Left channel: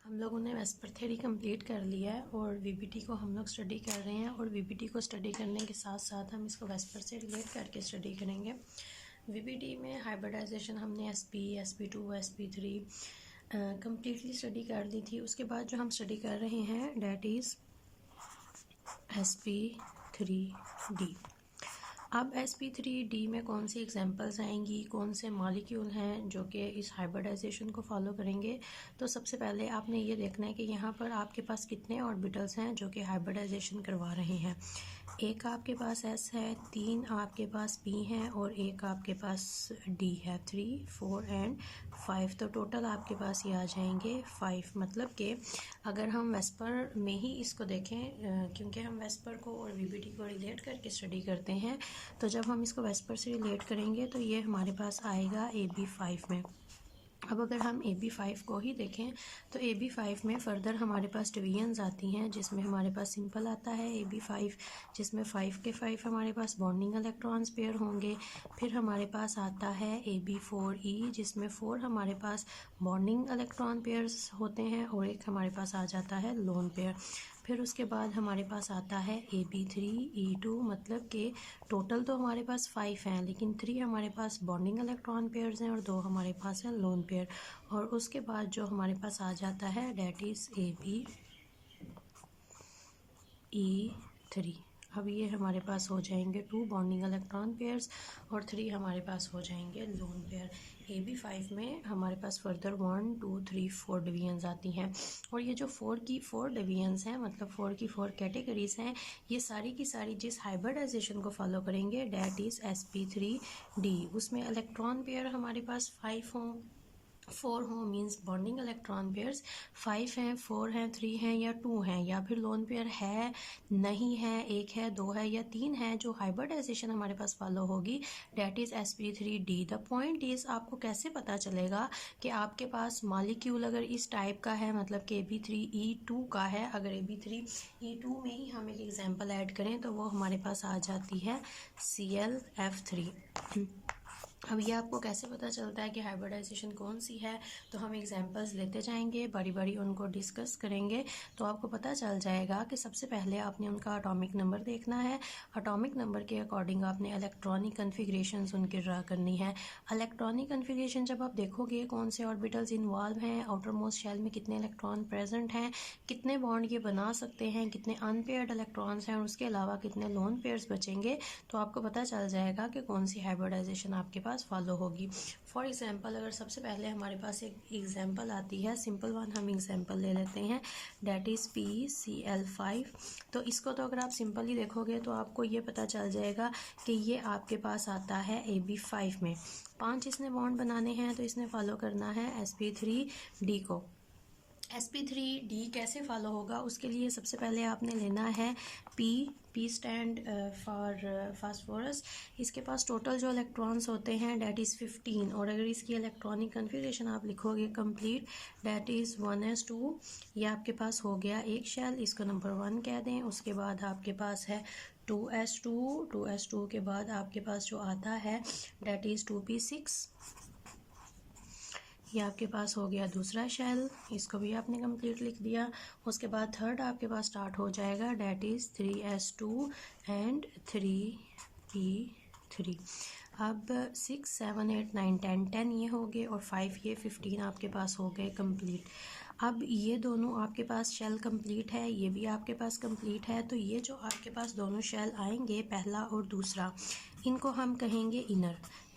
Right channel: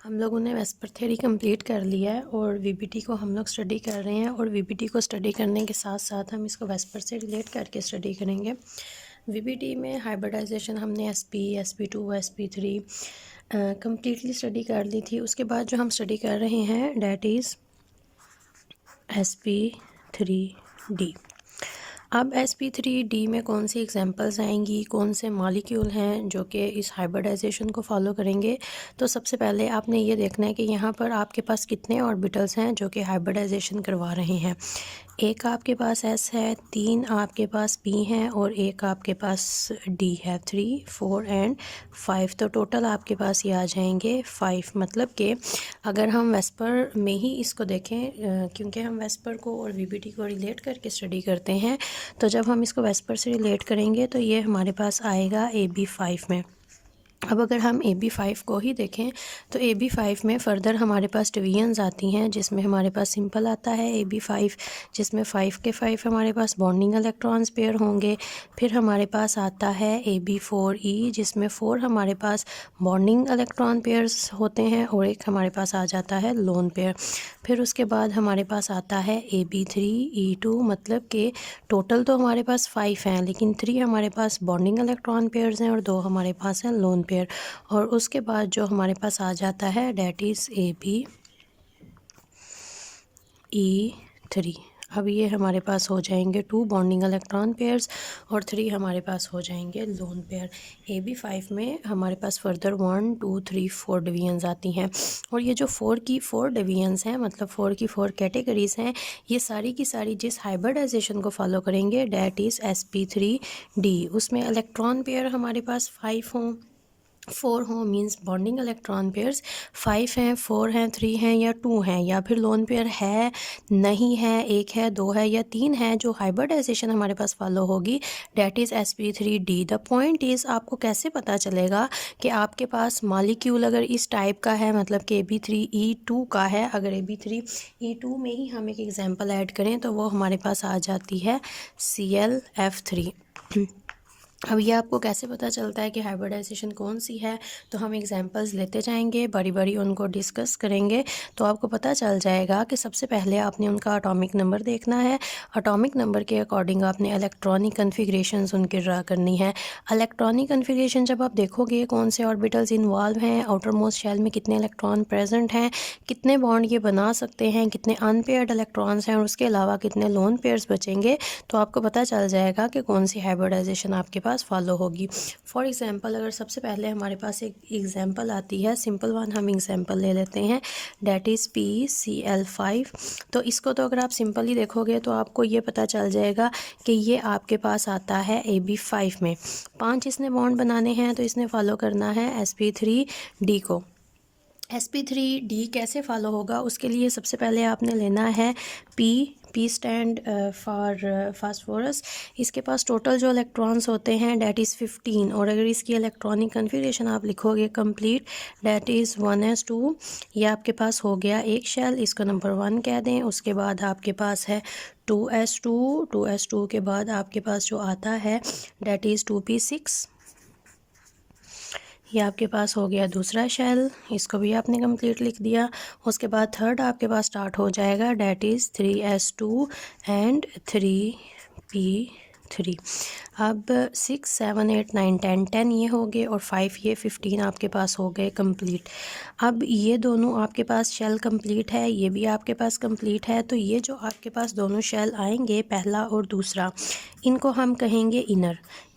हम लोगों ने वेस्पर थ्योरी कंप्लीट कर लिया है और वीबीटी को हम लोग स्टडी कर रहे हैं और वीबीटी को स्टडी करने के साथ साथ हम इसको वेस्पर से रिलेट करके स्टडी करेंगे। वीबीटी में हाइब्रिडाइजेशन हमने SP2 SP3 कम्प्लीटली स्टडी कर ली थी। उसके बाद जो हम स्टडी कर रहे हैं डैट इज़ SP3D। अब SP3D में कौन सी एग्जांपल्स आएंगी, कौन से मॉलिक्यूल हैं जो कि इस हाइब्रिडाइजेशन को फॉलो करेंगे। तो सबसे पहले आपने ये देखना है कि यहाँ पर आपके पास कितने ऑर्बिटल्स हैं जो कि हाइब्रिडाइजेशन करवा रहे हैं। एक आपके पास S है, 3 आपके पास P हैं और एक आपके पास D है। 3, 4 एंड 5, तो टोटल आपके पास ये आ जाएंगे 5। मतलब कि अगर हम वेस्पर में ही इसको देखें, क्योंकि हम वेस्पर को और वीबीटी को रिलेट करके स्टडी करते हैं, तो जब हम इसको वेस्पर से रिलेट करेंगे तो ये हमारे पास आएगा AB5 में। अब अगर हम AB5 को ही देखें तो AB5 में फ़र्दर हमारे पास डिवीजन्स आती हैं, जिसमें हमारे पास सिंपल आता है AB5, जिसमें 5 के 5 हमारे पास बॉन्डिंग इलेक्ट्रॉन्स पेयर होंगे। फिर हमारे पास आता है AB4E, जिसमें 4 हमारे पास बॉन्डिंग इलेक्ट्रॉन पेयर्स होते हैं और एक हमारे पास आ जाता है लोन पेयर। फिर उसके बाद हमारे पास आता है AB3E2, मतलब कि टोटल तो हमारे पास 5 हैं, लेकिन 3 हमारे पास बॉन्डिंग इलेक्ट्रॉन पेयर्स हैं और 2 हमारे पास हैं लोन पेयर। और उसके बाद जो हमारे पास आ जाता है डैट इज़ ABE3। अब ये हमारे पास हो जाएंगे 2 बॉन्डिंग इलेक्ट्रॉन पेयर्स और 3 हमारे पास हो जाएंगे लोन पेयर। AB5 में हमारे पास फर्दर 1, 2, 3, 4 डिवीजन्स आती हैं और ये जो 4 की 4 डिवीजन्स हैं, मतलब 4 की 4 कैटेगरीज़ हैं, ये सारी की सारी जिस हाइब्रिडाइजेशन को फॉलो करेंगे डैट इज़ SP3D। उसमें इलेक्ट्रॉन पेयर हमारे पास 5 हों, 4 हों, मींस बॉन्डिंग इलेक्ट्रॉन पेयर्स 5 हैं, 4 हैं, 3 हैं या 2 हैं, या फिर लोन पेयर है, नहीं है, 1 है, 2 है या 3 है। जो हाइब्रिडाइजेशन हमारे पास फॉलो होगी that is SP3D। The point is आपको कैसे पता चलेगा कि आपके पास मॉलिक्यूल अगर इस टाइप का है, मतलब कि AB3E2 का है। अगर AB3E2 में ही हम एक एग्जांपल ऐड करें तो वो हमारे पास आ जाती है ClF3। अब ये आपको कैसे पता चलता है कि हाइब्रिडाइजेशन कौन सी है, तो हम एग्जांपल्स लेते जाएंगे, बड़ी बड़ी उनको डिस्कस करेंगे, तो आपको पता चल जाएगा कि सबसे पहले आपने उनका एटॉमिक नंबर देखना है। एटॉमिक नंबर के अकॉर्डिंग आपने इलेक्ट्रॉनिक कन्फिग्रेशंस उनकी ड्रा करनी है। इलेक्ट्रॉनिक कन्फिग्रेशन जब आप देखोगे कौन से ऑर्बिटल्स इन्वॉल्व हैं, आउटर मोस्ट शेल में कितने इलेक्ट्रॉन प्रेजेंट हैं, कितने बॉन्ड ये बना सकते हैं, कितने अनपेयर्ड इलेक्ट्रॉन्स हैं और उसके अलावा कितने लोन पेयर्स बचेंगे, तो आपको पता चल जाएगा कि कौन सी हाइब्रिडाइजेशन आपके पास फॉलो होगी। फॉर एग्जांपल अगर सबसे पहले हमारे पास एक एग्जांपल आती है, सिंपल वन हम एग्जांपल ले लेते हैं, डैट इज़ PCl5। तो इसको तो अगर आप सिंपल ही देखोगे तो आपको ये पता चल जाएगा कि ये आपके पास आता है AB5 में। 5 इसने बॉन्ड बनाने हैं तो इसने फॉलो करना है SP3D को। SP3D कैसे फॉलो होगा, उसके लिए सबसे पहले आपने लेना है P स्टैंड फॉर फास्फोरस। इसके पास टोटल जो इलेक्ट्रॉन्स होते हैं डैट इज़ 15, और अगर इसकी इलेक्ट्रॉनिक कन्फिग्रेशन आप लिखोगे कंप्लीट डैट इज़ 1s2। ये आपके पास हो गया एक शेल, इसको नंबर 1 कह दें। उसके बाद आपके पास है 2s2, 2s2 के बाद आपके पास जो आता है डैट इज़ 2p6। ये आपके पास हो गया दूसरा शेल, इसको भी आपने कंप्लीट लिख दिया। उसके बाद थर्ड आपके पास स्टार्ट हो जाएगा that is 3s2 and 3p3। अब 6, 7, 8, 9, 10, 10 ये हो गए और 5 ये 15 आपके पास हो गए कंप्लीट। अब ये दोनों आपके पास शेल कंप्लीट है, ये भी आपके पास कंप्लीट है। तो ये जो आपके पास दोनों शेल आएंगे, पहला और दूसरा, इनको हम कहेंगे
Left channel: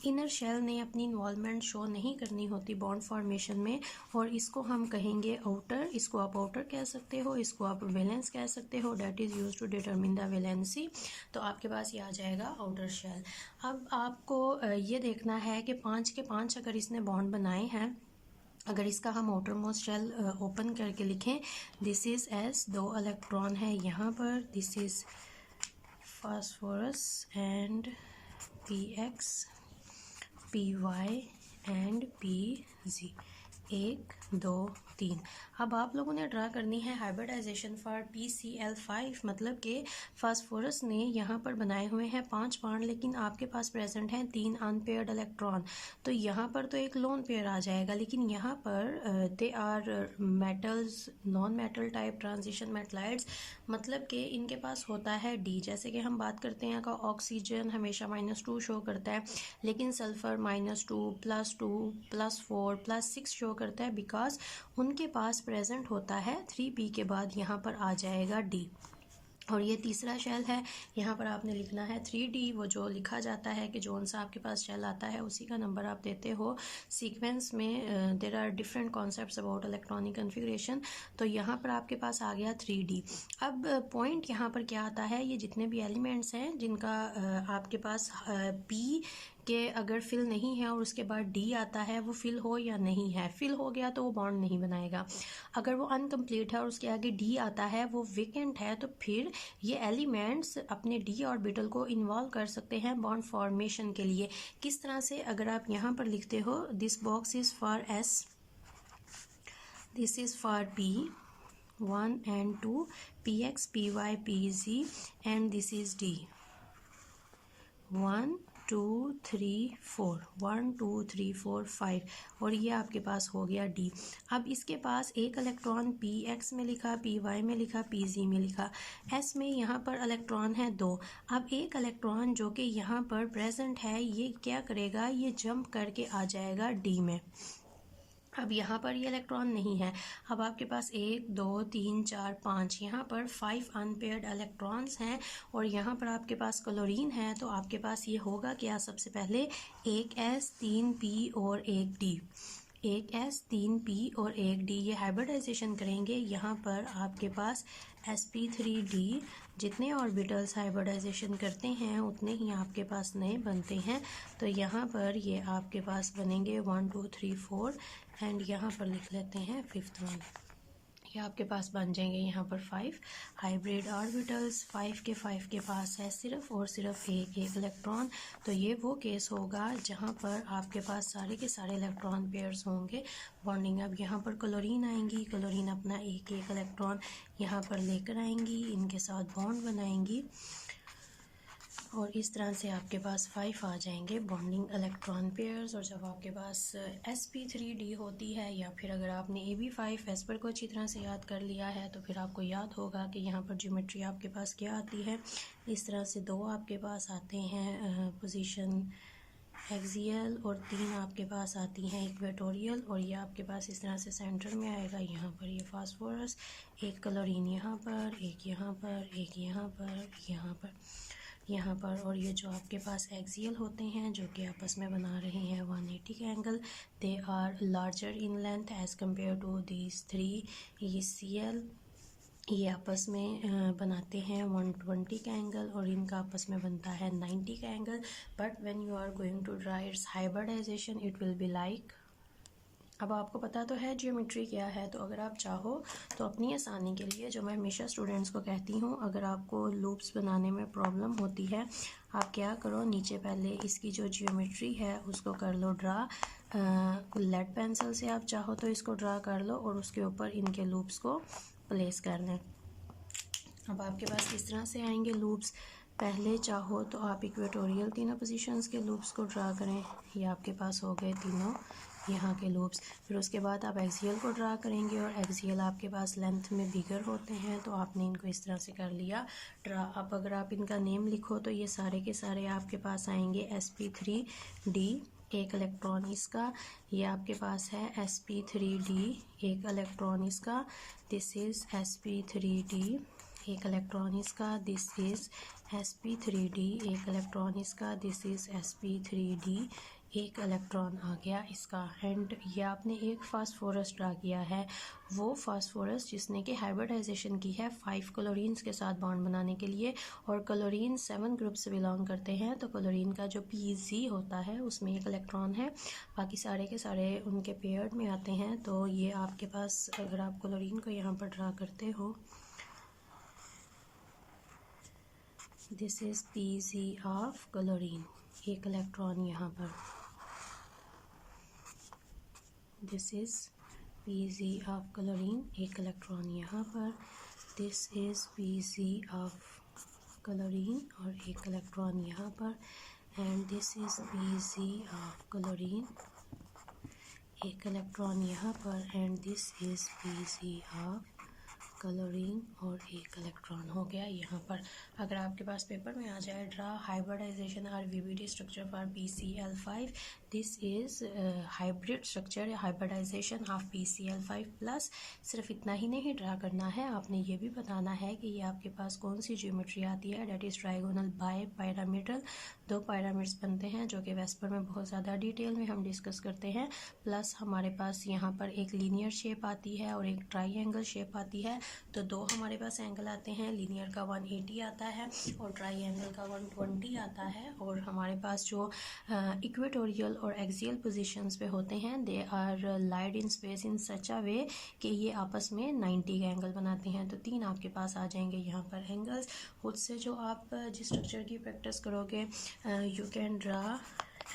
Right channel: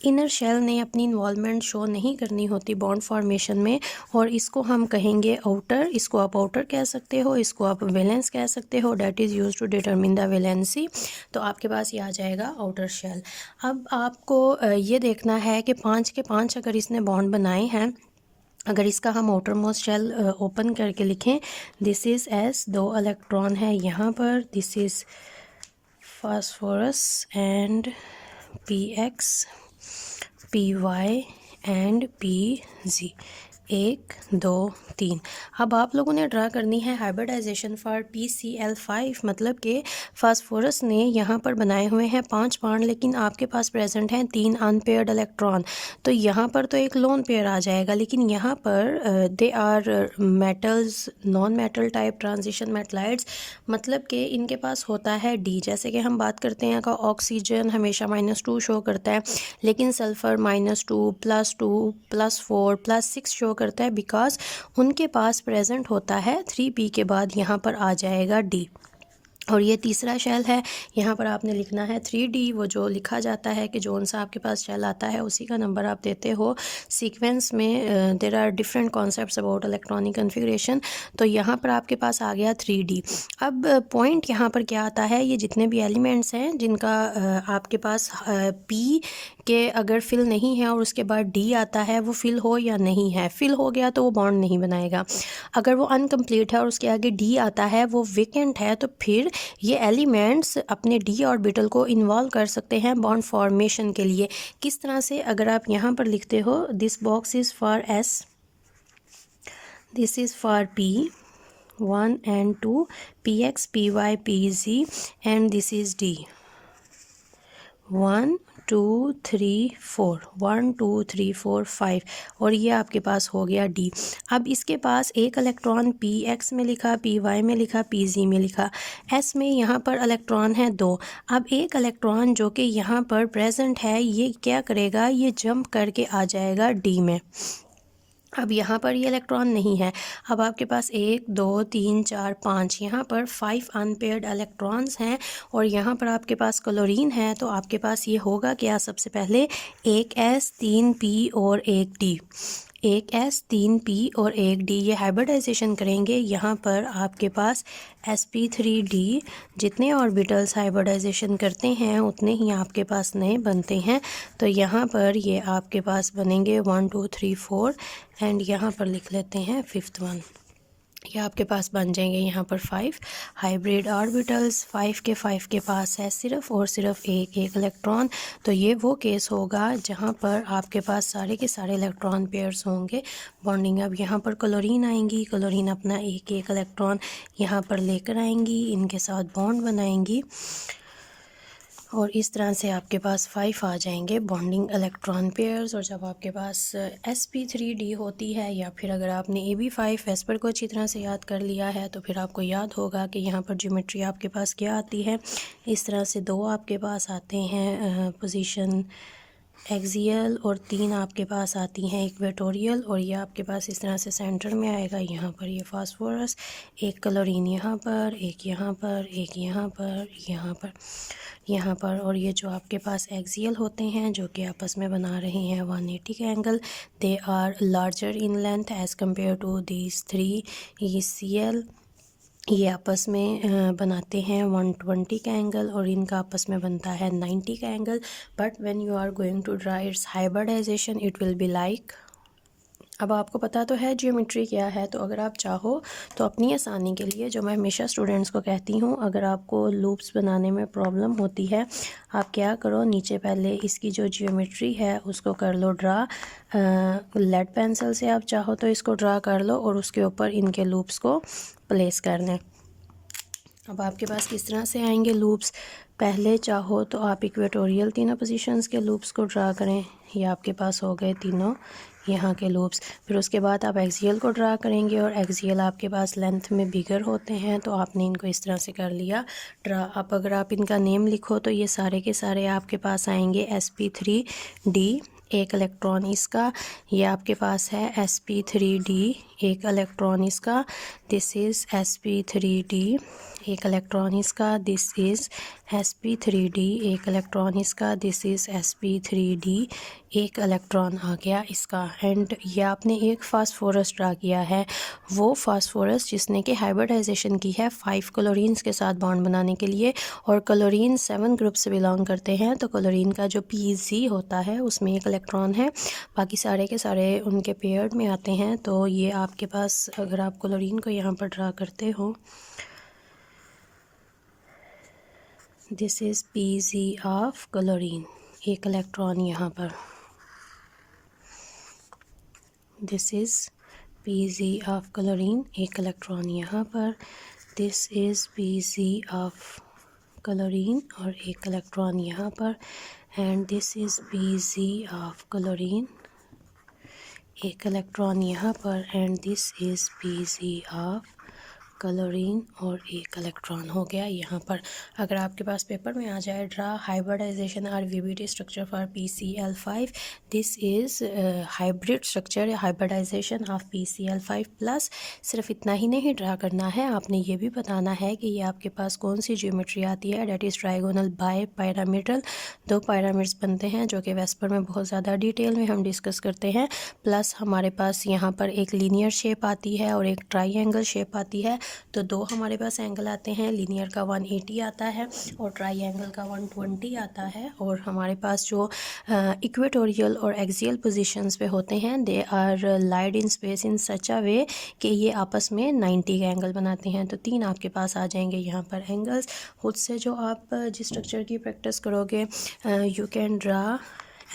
इनर शेल ने अपनी इन्वॉल्वमेंट शो नहीं करनी होती बॉन्ड फॉर्मेशन में, और इसको हम कहेंगे आउटर। इसको आप आउटर कह सकते हो, इसको आप वैलेंस कह सकते हो, that is use to determine the valency. तो आपके पास ये आ जाएगा आउटर शेल। अब आपको ये देखना है कि 5 के 5 अगर इसने बॉन्ड बनाए हैं, अगर इसका हम आउटर मोस्ट शेल ओपन करके लिखें, दिस इज़ S, 2 इलेक्ट्रॉन है यहाँ पर, this is phosphorus and PX, PY and PZ, 1, 2, 3। अब आप लोगों ने ड्रा करनी है हाइब्रिडाइजेशन फॉर PCl5, मतलब कि फास्फोरस ने यहाँ पर बनाए हुए हैं 5 बॉन्ड, लेकिन आपके पास प्रेजेंट हैं 3 अनपेयर्ड इलेक्ट्रॉन। तो यहाँ पर तो एक लोन पेयर आ जाएगा, लेकिन यहाँ पर they are metals, non metal type transition metalloids, मतलब कि इनके पास होता है D। जैसे कि हम बात करते हैं का ऑक्सीजन हमेशा -2 शो करता है, लेकिन सल्फ़र -2, +2, +4, +6 शो करता है, बिकॉज उनके पास प्रेजेंट होता है 3p के बाद यहाँ पर आ जाएगा D। और ये तीसरा शेल है, यहाँ पर आपने लिखना है 3D। वो जो लिखा जाता है कि जोन सा आपके पास शेल आता है उसी का नंबर आप देते हो। सीक्वेंस में there are different concepts about electronic configuration. तो यहाँ पर आपके पास आ गया 3D। अब पॉइंट यहाँ पर क्या आता है, ये जितने भी एलिमेंट्स हैं जिनका आपके पास P के अगर फिल नहीं है और उसके बाद D आता है, वो फिल हो या नहीं है। फिल हो गया तो वो बॉन्ड नहीं बनाएगा। अगर वो अनकम्प्लीट है और उसके आगे D आता है, वो वेकेंट है, तो फिर ये एलिमेंट्स अपने D ऑर्बिटल को इन्वॉल्व कर सकते हैं बॉन्ड फॉर्मेशन के लिए। किस तरह से, अगर आप यहाँ पर लिखते हो this box is for S, this is for P 1 and 2, PX, PY, PZ, and this is D 1 2 3 4, 1 2 3 4 5, और ये आपके पास हो गया D। अब इसके पास एक इलेक्ट्रॉन PX में लिखा, PY में लिखा, PZ में लिखा, S में यहाँ पर इलेक्ट्रॉन है 2। अब एक इलेक्ट्रॉन जो कि यहाँ पर प्रेजेंट है, ये क्या करेगा, ये जंप करके आ जाएगा D में। अब यहाँ पर ये इलेक्ट्रॉन नहीं है। अब आपके पास 1 2 3 4 5, यहाँ पर 5 अनपेयर्ड इलेक्ट्रॉन्स हैं, और यहाँ पर आपके पास क्लोरीन है। तो आपके पास ये होगा क्या, सबसे पहले एक S 3 P और एक D, एक S 3 P और एक D, ये हाइब्रिडाइजेशन करेंगे। यहाँ पर आपके पास sp3d, जितने ऑर्बिटल्स हाइब्रिडाइजेशन करते हैं उतने ही आपके पास नए बनते हैं। तो यहाँ पर ये आपके पास बनेंगे 1 2 3 4, एंड यहाँ पर लिख लेते हैं 5th वन। ये आपके पास बन जाएंगे यहाँ पर 5 हाइब्रिड ऑर्बिटल्स। 5 के पास है सिर्फ और सिर्फ एक इलेक्ट्रॉन। तो ये वो केस होगा जहाँ पर आपके पास सारे के सारे इलेक्ट्रॉन पेयर्स होंगे बॉन्डिंग। अब यहाँ पर क्लोरीन आएंगी, क्लोरीन अपना एक इलेक्ट्रॉन यहाँ पर लेकर आएंगी, इनके साथ बॉन्ड बनाएंगी, और इस तरह से आपके पास 5 आ जाएंगे बॉन्डिंग इलेक्ट्रॉन पेयर्स। और जब आपके पास sp3d होती है, या फिर अगर आपने ab5 वेस्पर को अच्छी तरह से याद कर लिया है, तो फिर आपको याद होगा कि यहाँ पर ज्योमेट्री आपके पास क्या आती है। इस तरह से 2 आपके पास आते हैं पोजीशन एक्सियल, और 3 आपके पास आती हैं इक्वेटोरियल, और ये आपके पास इस तरह से सेंटर में आएगा। यहाँ पर ये फास्फोरस, एक क्लोरीन यहाँ पर, एक यहाँ पर, एक यहाँ पर, यहाँ पर, और ये जो आपके पास एक्सियल होते हैं जो कि आपस में बना रहे हैं 180 का angle, they are larger in length as compare to these 3 ECl। ये आपस में बनाते हैं 120 का एंगल, और इनका आपस में बनता है 90 का angle. But when you are going to draw its hybridization, it will be like. अब आपको पता तो है ज्योमेट्री क्या है, तो अगर आप चाहो तो अपनी आसानी के लिए, जो मैं हमेशा स्टूडेंट्स को कहती हूँ, अगर आपको लूप्स बनाने में प्रॉब्लम होती है, आप क्या करो, नीचे पहले इसकी जो ज्योमेट्री है उसको कर लो ड्रा। लेड पेंसिल से आप चाहो तो इसको ड्रा कर लो, और उसके ऊपर इनके लूप्स को प्लेस कर लें। अब आपके पास किस तरह से आएंगे लूप्स, पहले चाहो तो आप इक्वेटोरियल तीनों पोजीशंस के लूप्स को ड्रा करें, ये आपके पास हो गए तीनों यहाँ के लूप्स। फिर उसके बाद आप एक्सियल को ड्रा करेंगे, और एक्सियल आपके पास लेंथ में बिगर होते हैं, तो आपने इनको इस तरह से कर लिया ड्रा। अब अगर आप इनका नेम लिखो तो ये सारे के सारे आपके पास आएंगे sp3d, एक इलेक्ट्रॉन इसका, ये आपके पास है sp3d, एक इलेक्ट्रॉन इसका, दिस इज़ sp3d, एक इलेक्ट्रॉन इसका, दिस इज़ sp3d, एक इलेक्ट्रॉन इसका, दिस इज़ sp3d, एक इलेक्ट्रॉन आ गया इसका। एंड ये आपने एक फास्फोरस ड्रा किया है, वो फास्फोरस जिसने कि हाइब्रिडाइजेशन की है 5 क्लोरीन्स के साथ बॉन्ड बनाने के लिए, और क्लोरीन 7 ग्रुप से बिलोंग करते हैं। तो क्लोरीन का जो PZ होता है उसमें एक इलेक्ट्रॉन है, बाकी सारे के सारे उनके पेयर्ड में आते हैं। तो ये आपके पास, अगर आप क्लोरीन को यहाँ पर ड्रा करते हो, this is PZ of chlorine, एक इलेक्ट्रॉन यहाँ पर, this is Pz of chlorine, एक इलेक्ट्रॉन यहाँ पर, this is Pz of chlorine और एक इलेक्ट्रॉन यहाँ पर, and this is Pz of chlorine, एक इलेक्ट्रॉन यहाँ पर, and this is Pz of chlorine और एक इलेक्ट्रॉन हो गया यहाँ पर। अगर आपके पास पेपर में आ जाए ड्रा हाइब्रिडाइजेशन और VBT structure for PCl5, this is hybrid structure या हाइब्रिडाइजेशन ऑफ PCl5 प्लस। सिर्फ इतना ही नहीं ड्रा करना है, आपने ये भी बताना है कि ये आपके पास कौन सी ज्योमेट्री आती है, डेट इज़ ट्राइगोनल बाय पैरामीडल। दो पैरामिड्स बनते हैं जो कि वेस्पर में बहुत ज़्यादा डिटेल में हम डिस्कस करते हैं। प्लस हमारे पास यहाँ पर एक लीनियर शेप आती है और एक ट्राइएंगल शेप आती है। तो दो हमारे पास एंगल आते हैं, लीनियर का 180 आता है और ट्राइएंगल का 120 आता है। और हमारे पास जो इक्वेटोरियल और एक्सियल पोजीशंस पे होते हैं, they are light in space in सच अ वे कि ये आपस में 90 का एंगल बनाते हैं। तो तीन आपके पास आ जाएंगे यहाँ पर एंगल्स। खुद से जो आप जिस स्ट्रक्चर की प्रैक्टिस करोगे, यू कैन ड्रा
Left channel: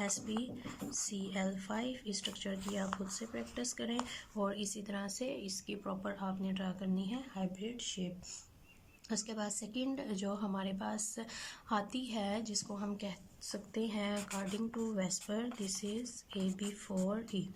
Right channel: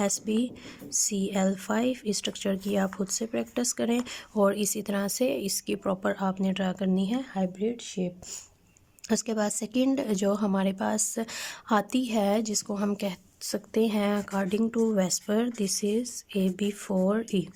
SbCl5, इस स्ट्रक्चर की आप खुद से प्रैक्टिस करें और इसी तरह से इसकी प्रॉपर आपने ड्रा करनी है हाइब्रिड शेप। उसके बाद सेकंड जो हमारे पास आती है, जिसको हम कह सकते हैं according to VSEPR, this is AB4E।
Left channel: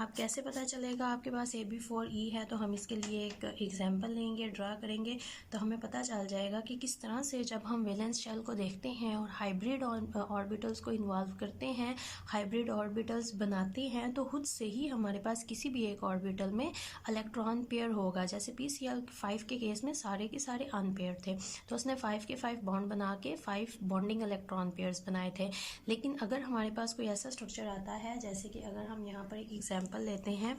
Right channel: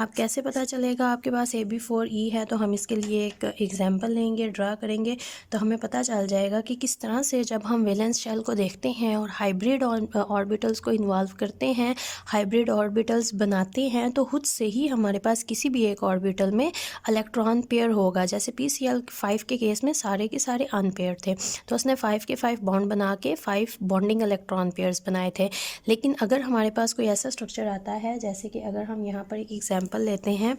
आप कैसे पता चलेगा आपके पास AB4E है, तो हम इसके लिए एक एग्जांपल लेंगे, ड्रा करेंगे, तो हमें पता चल जाएगा कि किस तरह से जब हम वैलेंस शेल को देखते हैं और हाइब्रिड ऑर्बिटल्स को इन्वॉल्व करते हैं, हाइब्रिड ऑर्बिटल्स बनाते हैं, तो खुद से ही हमारे पास किसी भी एक ऑर्बिटल में इलेक्ट्रॉन पेयर होगा। जैसे PCl5 के केस में सारे के सारे अनपेयर थे, तो उसने 5 के 5 बॉन्ड बना के 5 बॉन्डिंग इलेक्ट्रॉन पेयर्स बनाए थे। लेकिन अगर हमारे पास कोई ऐसा स्ट्रक्चर आता है, जैसे कि अगर हम यहाँ पर एक एग्जांपल लेते हैं,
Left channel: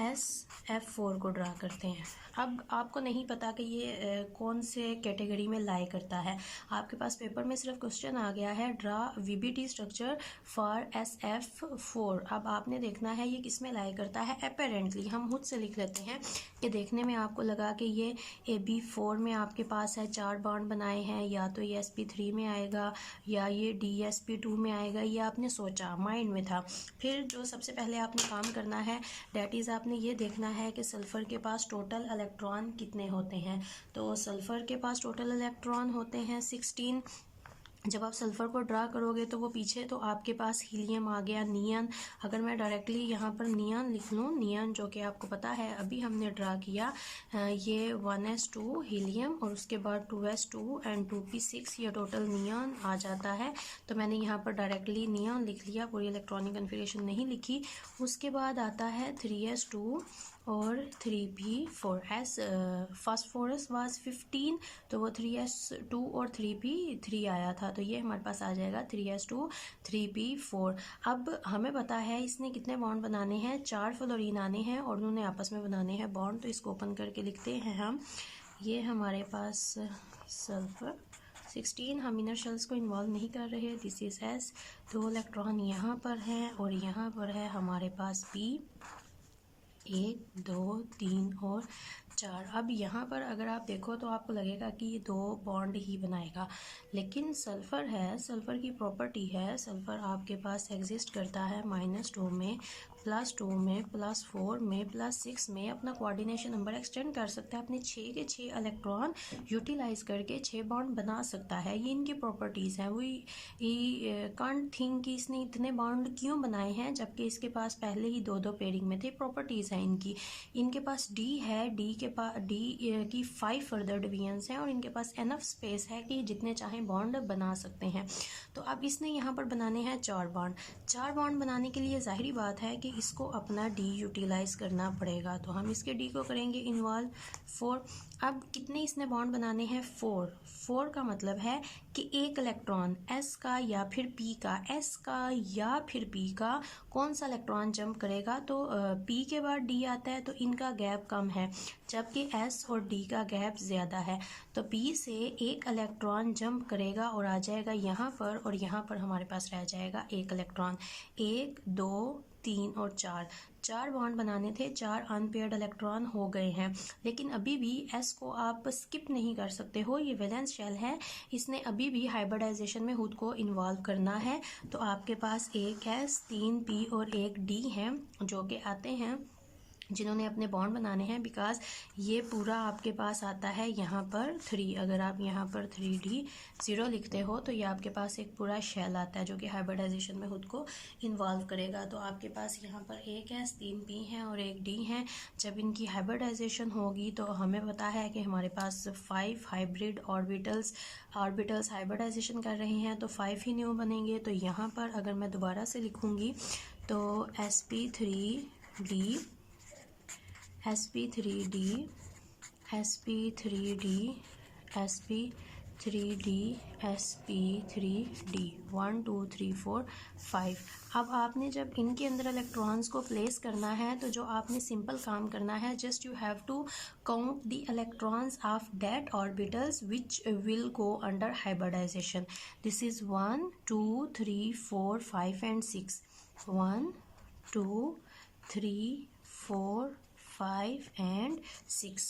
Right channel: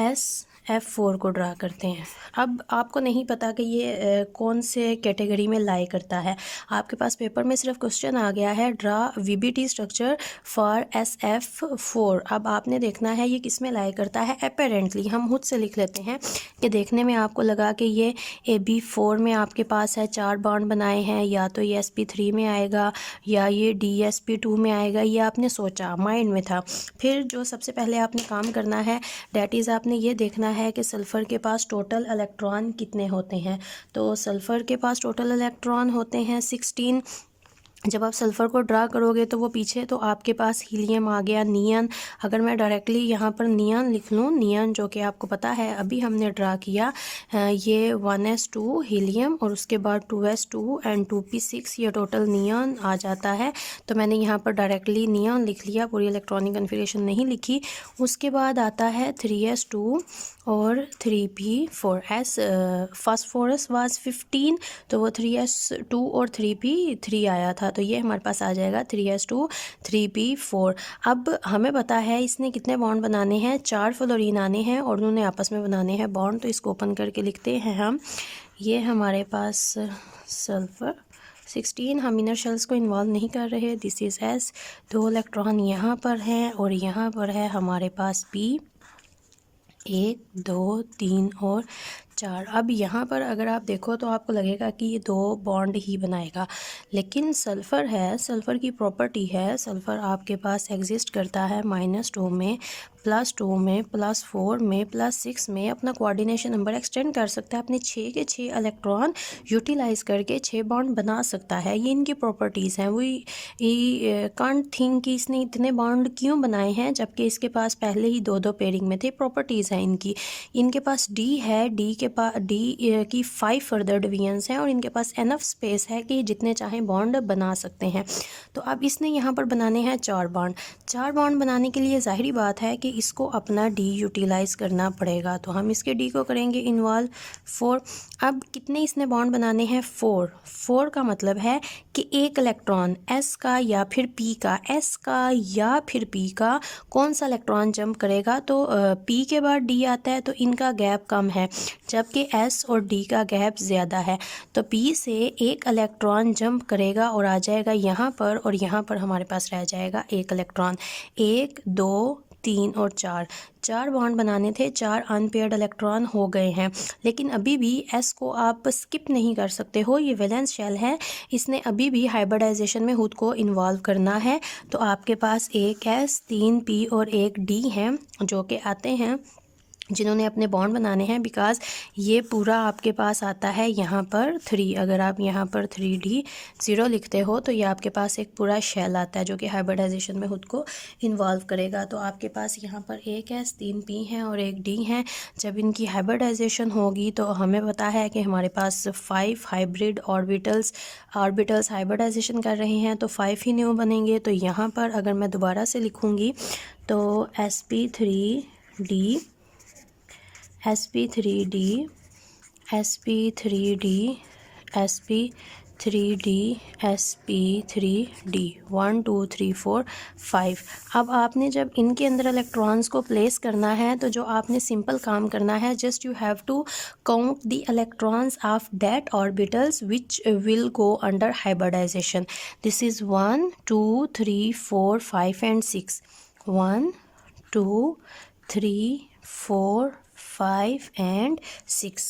SF4 को ड्रा करते हैं। अब आपको नहीं पता कि ये कौन से कैटेगरी में लाई करता है। आपके पास पेपर में सिर्फ क्वेश्चन आ गया है draw VBT structure for SF4। अब आपने देखना है ये किस में लाई करता है। अपेरेंटली हम खुद से लिख लेते हैं कि देखने में आपको लगा कि ये AB4 में आपके पास है, 4 बॉन्ड बनाए हैं, या तो ये SP3 में आएगा या ये DSP2 में आएगा, ये आपने सोचा, माइंड में था। फिर जो सबसे पहले आपने काम करना है, डैट इज़ आपने ये देखना है कि सल्फ़र के पास टोटल इलेक्ट्रॉन कितने होते हैं। तो सल्फ़र के पास टोटल इलेक्ट्रॉन होते हैं 16। जब आप सल्फ़र को ड्रा करोगे तो वो पीछे तो आपके पास हीलियम आ गया, नियन। अगर मैं डायरेक्टली यहाँ पर नियन लिख लूँ, नियन जो कि आपको पता है अभी हमने ड्रा किया, ये 1s2 हीलियम और उसके बाद 2s2 एंड 2p6, ये टोटल नियन आ जाता है। तो मैंने यहाँ पर डायरेक्टली नियन लिख लिया, पूरी इलेक्ट्रॉनिक कन्फिगरेशन नहीं लिखी। उसके बाद आता है 3s2 और 3p4। एस फास्फोरस वाज 15, तो वो 3s2 और 3p3 आया था, तो ये हमारे पास आ जाएगा 3s2 3p4। अब हमें पता है इसने कितने बॉन्ड बनाने हैं, 4 फ्लोरीन आने हैं और उन्होंने आपस में बनाने हैं बॉन्ड। तो इसको ओपन करके लिखते हैं हम, ये हमारे पास सल्फ़र 16, हम इनर शेल्स को इन्वॉल्व नहीं कर रहे, दिस इज़ S। 2 इलेक्ट्रॉन यहाँ पर हैं और यहाँ पर है हमारे पास P, 1 2 3 और 4। अब यहाँ पर अगर आप देखो तो आपको लगेगा कि ये 2 बॉन्ड ही बनाएगा, लेकिन सल्फ़र है, सल्फ़र की प्रॉपर्टी है, सल्फ़र आपके पास एग्जिस्ट करता है -2 में, +2 में, +4 में, +6 में। अपना कोऑर्डिनेशन नंबर एक्सटेंड कर सकता है, अपने 6 के 6 इलेक्ट्रॉन यूटिलाइज़ करके 6 बॉन्ड बना सकता है। ये इनकी प्रॉपर्टीज़ हैं। वो कांट थिंक कि इसने इतने बॉन्ड क्यों बनाए हैं, जबकि इसके पास पहले ही 2 पेयरिंग में थे। प्रॉपर्टीज़ हैं इनकी। इनके पास D है, D की 5 फर्दर डिवीजन्स हैं और इनके पास एनफ स्पेस है कि जितने चाहें बॉन्ड बना सकते हैं। तो अब इसने यहाँ पर बनाने हैं 4 बॉन्ड। 4 बॉन्ड बनाने के लिए जाहिर बात है कि इसको अपना D यूटिलाइज़ करना पड़ेगा, तो हम इसके D को करेंगे इन्वॉल्व 4। अब कितने इसने बॉन्ड बनाने हैं, 4 का मतलब है कि एक इलेक्ट्रॉन S का या फिर P का, S का या फिर P का कौन सा इलेक्ट्रॉन जंप करेगा, तो P के बाद D आता है, तो इनका गैप कम है, जबकि S और D का गैप ज़्यादा है। तो P से एक इलेक्ट्रॉन जंप करेगा और आ जाएगा यहाँ पर, और यहाँ पर हमारे पास रह जाएगा एक इलेक्ट्रॉन। 1 2 3 और 4 बॉन्ड बनाने थे, 4 अनपेयर्ड इलेक्ट्रॉन हो गए हैं। लेकिन अभी भी S को आप स्किप नहीं कर सकते हो, ये वैलेंस शेल है, इसने अभी भी हाइब्रिडाइजेशन में खुद को इन्वॉल्व करना है। तो आपके पास एक S 3 P और एक D हैं जो कि आते हैं जिन्होंने अपने बॉन्ड बनाने हैं, बिकॉज़ ये पूरा आपके पास आता है यहाँ पर 3। अगर आप यहाँ पर 3D0 लिखते हो तो ये आपके पास एक पूरा शेल आता है जो कि हाइब्रिडाइजेशन में खुद को इन्वॉल्व करेगा। तो आपके पास यहाँ पर एक S 3 P हैं और एक D हैं। जब इनकी हाइब्रिडाइजेशन होगी तो हमें पता है कि हमारे पास 5 हाइब्रिड ऑर्बिटल्स हाइब्रिडाइजेशन कर रहे हैं, तो 5 ही न्यू बनेंगे। तो यहाँ पर अगर मैं दोबारा से लिखूँगी तो sp3d sp3d sp3d sp3d sp3d 1 2 3 4 5। अब आपने जब इनके अंदर इलेक्ट्रॉन्स को प्लेस करना है तो जो आपने सिंपल काम करना है, just you have to count the electrons of that orbitals which will go under hybridization. This is 1 2 3 4 5 and 6। 1 2 3 4 5 and 6।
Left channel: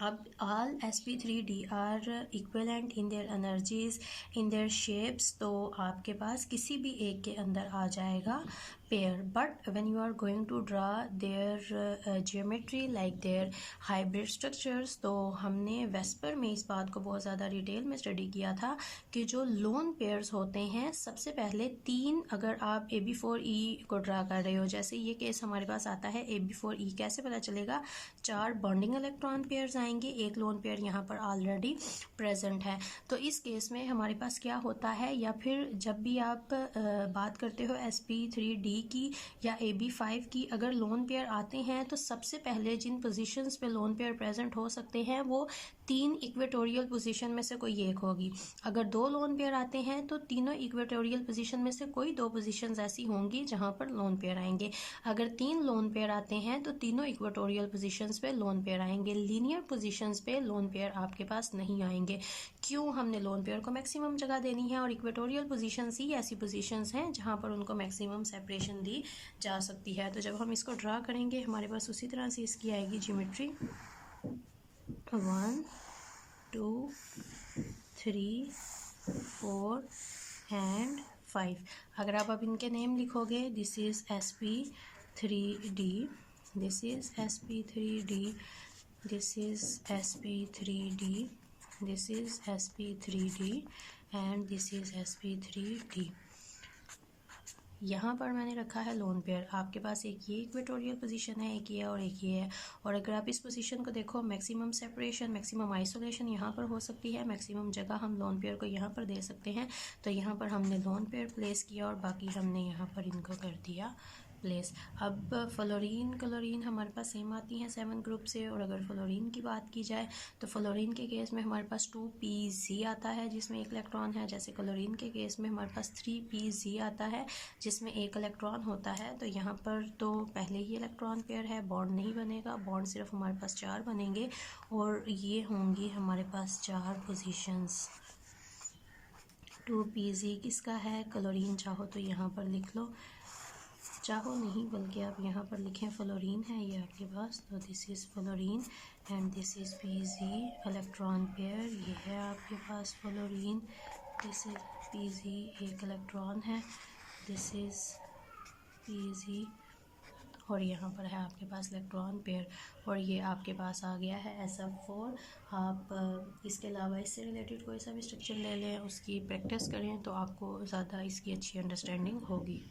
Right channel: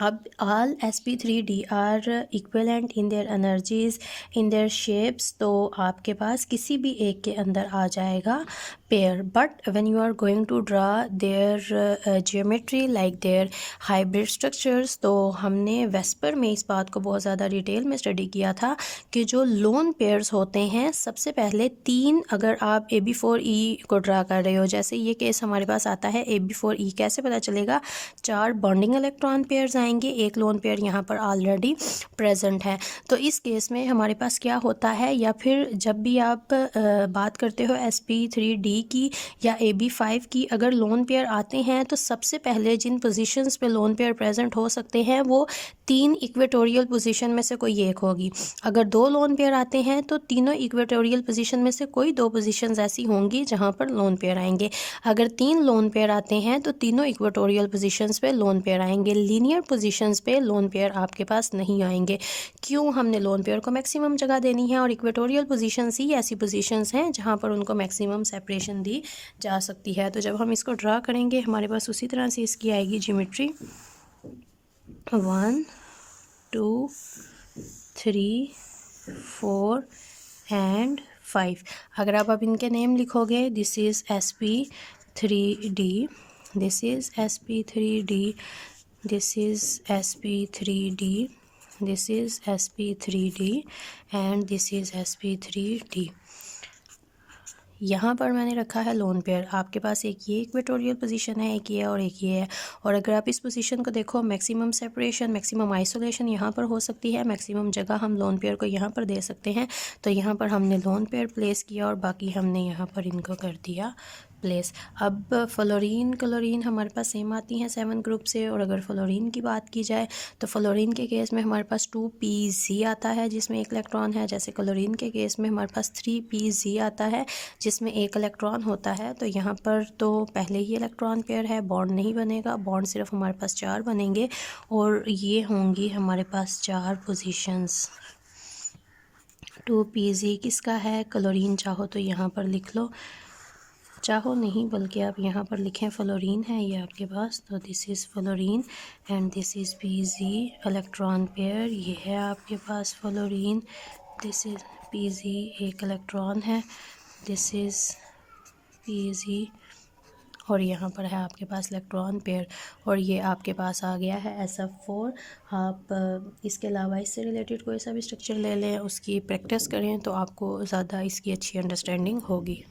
अब all sp3d are equivalent in their energies, in their shapes। तो आपके पास किसी भी एक के अंदर आ जाएगा pair. But when you are going to draw their geometry like their hybrid structures, तो हमने वेस्पर में इस बात को बहुत ज़्यादा डिटेल में स्टडी किया था कि जो लोन पेयर्स होते हैं, सबसे पहले 3, अगर आप AB4E को ड्रा कर रहे हो, जैसे ये केस हमारे पास आता है AB4E, कैसे पता चलेगा? 4 बॉन्डिंग इलेक्ट्रॉन पेयर्स आएंगे, एक लोन पेयर यहाँ पर ऑलरेडी प्रेजेंट है। तो इस केस में हमारे पास क्या होता है, या फिर जब भी आप बात करते हो sp3d की या AB5 की, अगर लोन पेयर आते हैं तो सबसे पहले जिन पोजीशंस पे लोन पेयर प्रेजेंट हो सकते हैं वो 3 इक्वेटोरियल पोजीशन में से कोई एक होगी। अगर 2 लोन पेयर आते हैं तो तीनों इक्वेटोरियल पोजीशन में से कोई 2 पोजीशंस ऐसी होंगी जहां पर लोन पेयर आएंगे। अगर 3 लोन पेयर आते हैं तो तीनों इक्वेटोरियल पोजीशंस पे लोन पेयर आएंगे। लीनियर पोजीशंस पे लोन पेयर आपके पास नहीं आएंगे। क्यों? हमने लोन पेयर को मैक्सिमम जगह देनी है और इक्वेटोरियल पोजीशंस ही ऐसी पोजीशंस हैं जहां पर उनको मैक्सिमम सेपरेशन दी जा सकती है। तो जब हम इसको ड्रा करेंगे हमारे पास उसी तरह से इसकी आएगी ज्योमेट्री। 1 2 3 4 एंड 5। अगर आप अब इनके नेम लिखोगे, this is sp3d, this is sp3d, this is sp3d, this is sp3d and this is sp3d। यहाँ पर मैंने रखा है लोन पेयर। आपके पास एक ये इक्वेटोरियल पोजीशन है, एक ये और एक ये है। और अगर आप इस पोजीशन को देखो, मैक्सिमम सेपरेशन, मैक्सिमम आइसोलेशन यहाँ पर हो सकती है, मैक्सिमम जगह हम लोन पेयर को यहाँ पर दे सकते हैं। तो यहाँ पर हमने लोन पेयर प्लेस किया और बाकी हमने यहाँ पर इनको कर दिया प्लेस। अब फ्लोरीन क्लोरीन हमारे पास सेम आती हैं 7 ग्रुप से। और अगर फ्लोरीन की बात की जाए तो फ्लोरीन के केस में हमारे पास 2pz आता है जिसमें एक इलेक्ट्रॉन है, जैसे क्लोरीन के केस में हमारे पास 3pz आता है जिसमें एक इलेक्ट्रॉन होता है। तो यहाँ पर तो पहले ही इलेक्ट्रॉन पेयर है, बॉन्ड नहीं बनेगा, बॉन्ड सिर्फ हमारे पास 4 बनेंगे और ये होंगी हमारे पास 4 पोजीशंस। 2pz किसका है? क्लोरीन। चाहो तो यहाँ पर लिख लो, चाहो नहीं बल्कि आप यहाँ पर लिखें फ्लोरीन है ये आपके पास। तो this is fluorine and this is pz electron pair. ये है आपके पास फ्लोरीन, दिस इज़ pz एक इलेक्ट्रॉन है, दिस इज़ pz और यहाँ पर है आपके पास इलेक्ट्रॉन पेयर। और ये आपके पास आ गया है SF4। आप इसके अलावा इससे रिलेटेड कोई सा भी स्ट्रक्चर ले लें, उसकी प्रैक्टिस करें तो आपको ज़्यादा इसकी अच्छी अंडरस्टैंडिंग होगी।